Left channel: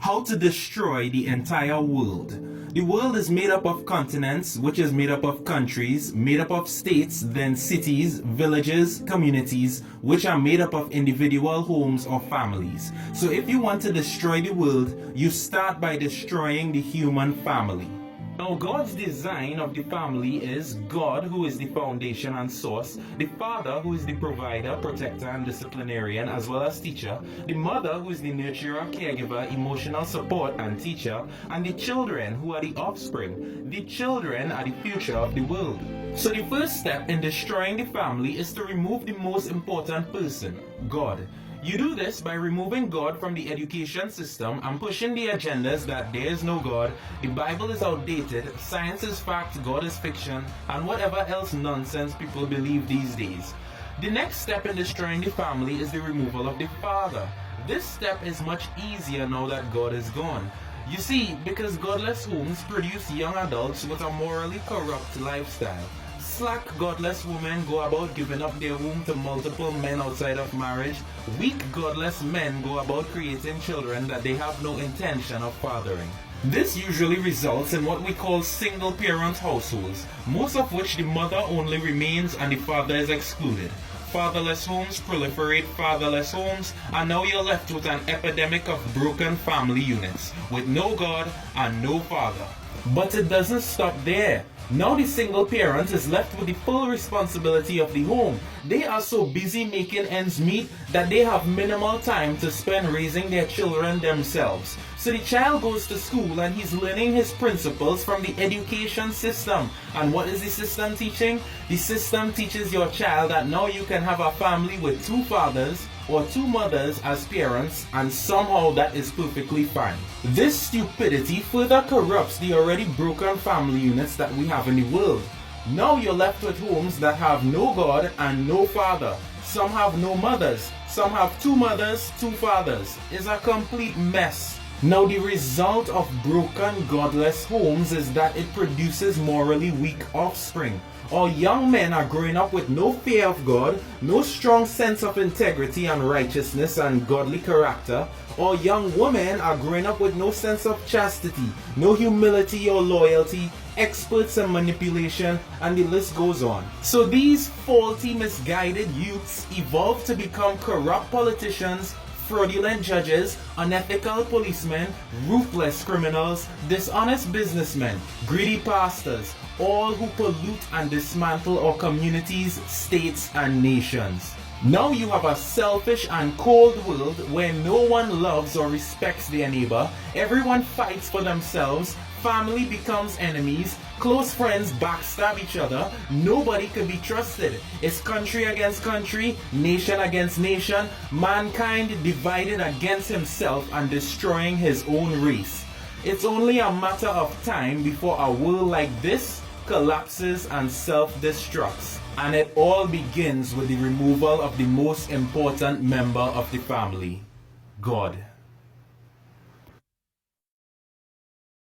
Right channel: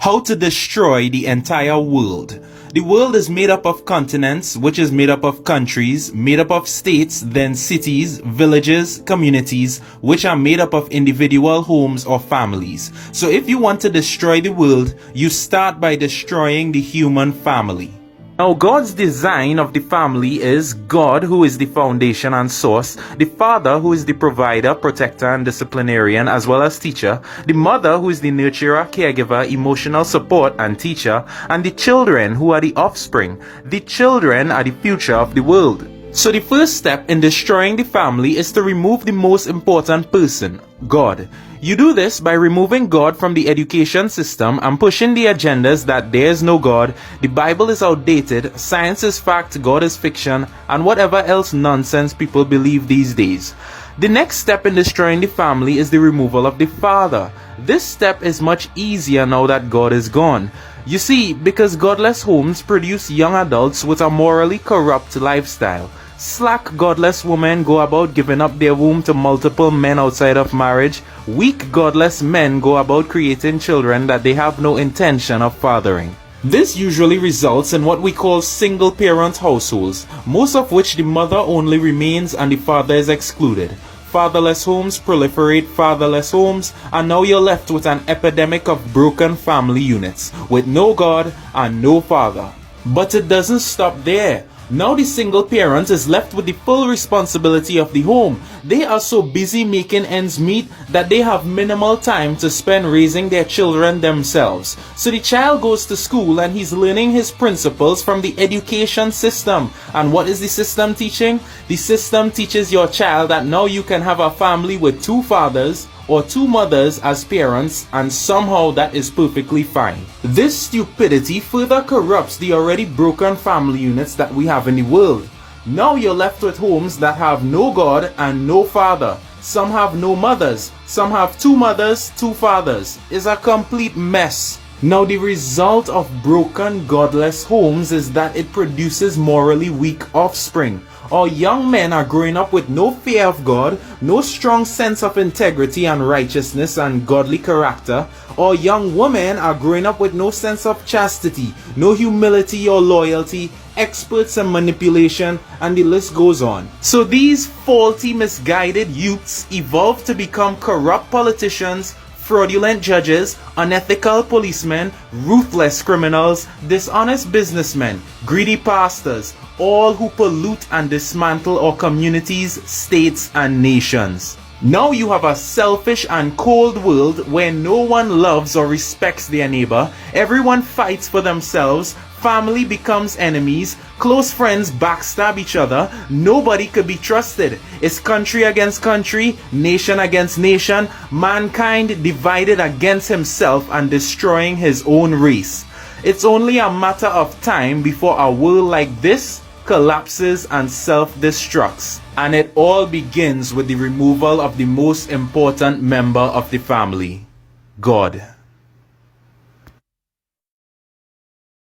How to destroy the entire world. The world is made up of continents, which is made up of countries, made up of states, then cities, villages, communities, which are made up of individual homes or families. So if you want to destroy the world, you start by destroying the human family. Now, God's design of the family is God, who is the foundation and source, the father, who is the provider, protector, and disciplinarian, as well as teacher, the mother, who is the nurturer, caregiver, emotional support, and teacher, and the children, who are the offspring. The children are the future of the world. So the first step in destroying the family is to remove the most important person, God. You do this by removing God from the education system and pushing the agendas that there is no God, the Bible is outdated, science is fact, God is fiction, and whatever else nonsense people believe these days. The next step in destroying the family is the removal of the father. This step is much easier now that God is gone. You see, because godless homes produce young adults with a morally corrupt lifestyle. Slack, godless women go about giving up their womb to multiple men outside of marriage. Weak, godless men go about creating children that they have no intention of fathering. This usually results in what we call single-parent households, most of which the mother only remains and the father is excluded. Fatherless homes proliferate fatherless homes, and now you're left with an epidemic of broken family units, with no God and no father. But it doesn't stop there. Now the single parent is left with the full responsibility of the home. They are so busy making ends meet that they have minimal time to spend raising their children themselves. So the child goes to school and he's learning his principles from the education system. And what is the system teaching? The system teaches your child that now you can have a family with two fathers or two mothers as parents, and somehow that is perfectly fine. This stupidity further corrupts the already broken family units that we have in the world. Now you're left with homes that have no God and no father. Some have no mothers. Some have two mothers, two fathers. It's a complete mess. Now the result of broken godless homes is that it produces morally weak offspring. Our young men are growing up with no fear of God, no strong sense of integrity and righteousness and godly character. Our young women are growing up with no sense of chastity, no humility or loyalty, experts in manipulation, and the list goes on. So these faulty, misguided youths evolve to become corrupt politicians, fraudulent judges, unethical policemen, ruthless criminals, dishonest businessmen, greedy pastors, all who pollute and dismantle our communities, states, and nations. Now you have a selfish and cold world where no one loves or respects their neighbor, everyone fights for themselves, family becomes enemies, close friends backstab each other, nobody could be trusted. It's country against country, nation against nation, mankind divided against himself and destroying his own race. It's only a matter of time before a world like this collapses and self-destructs. And it all begins with the removal of the most important member of the family, God.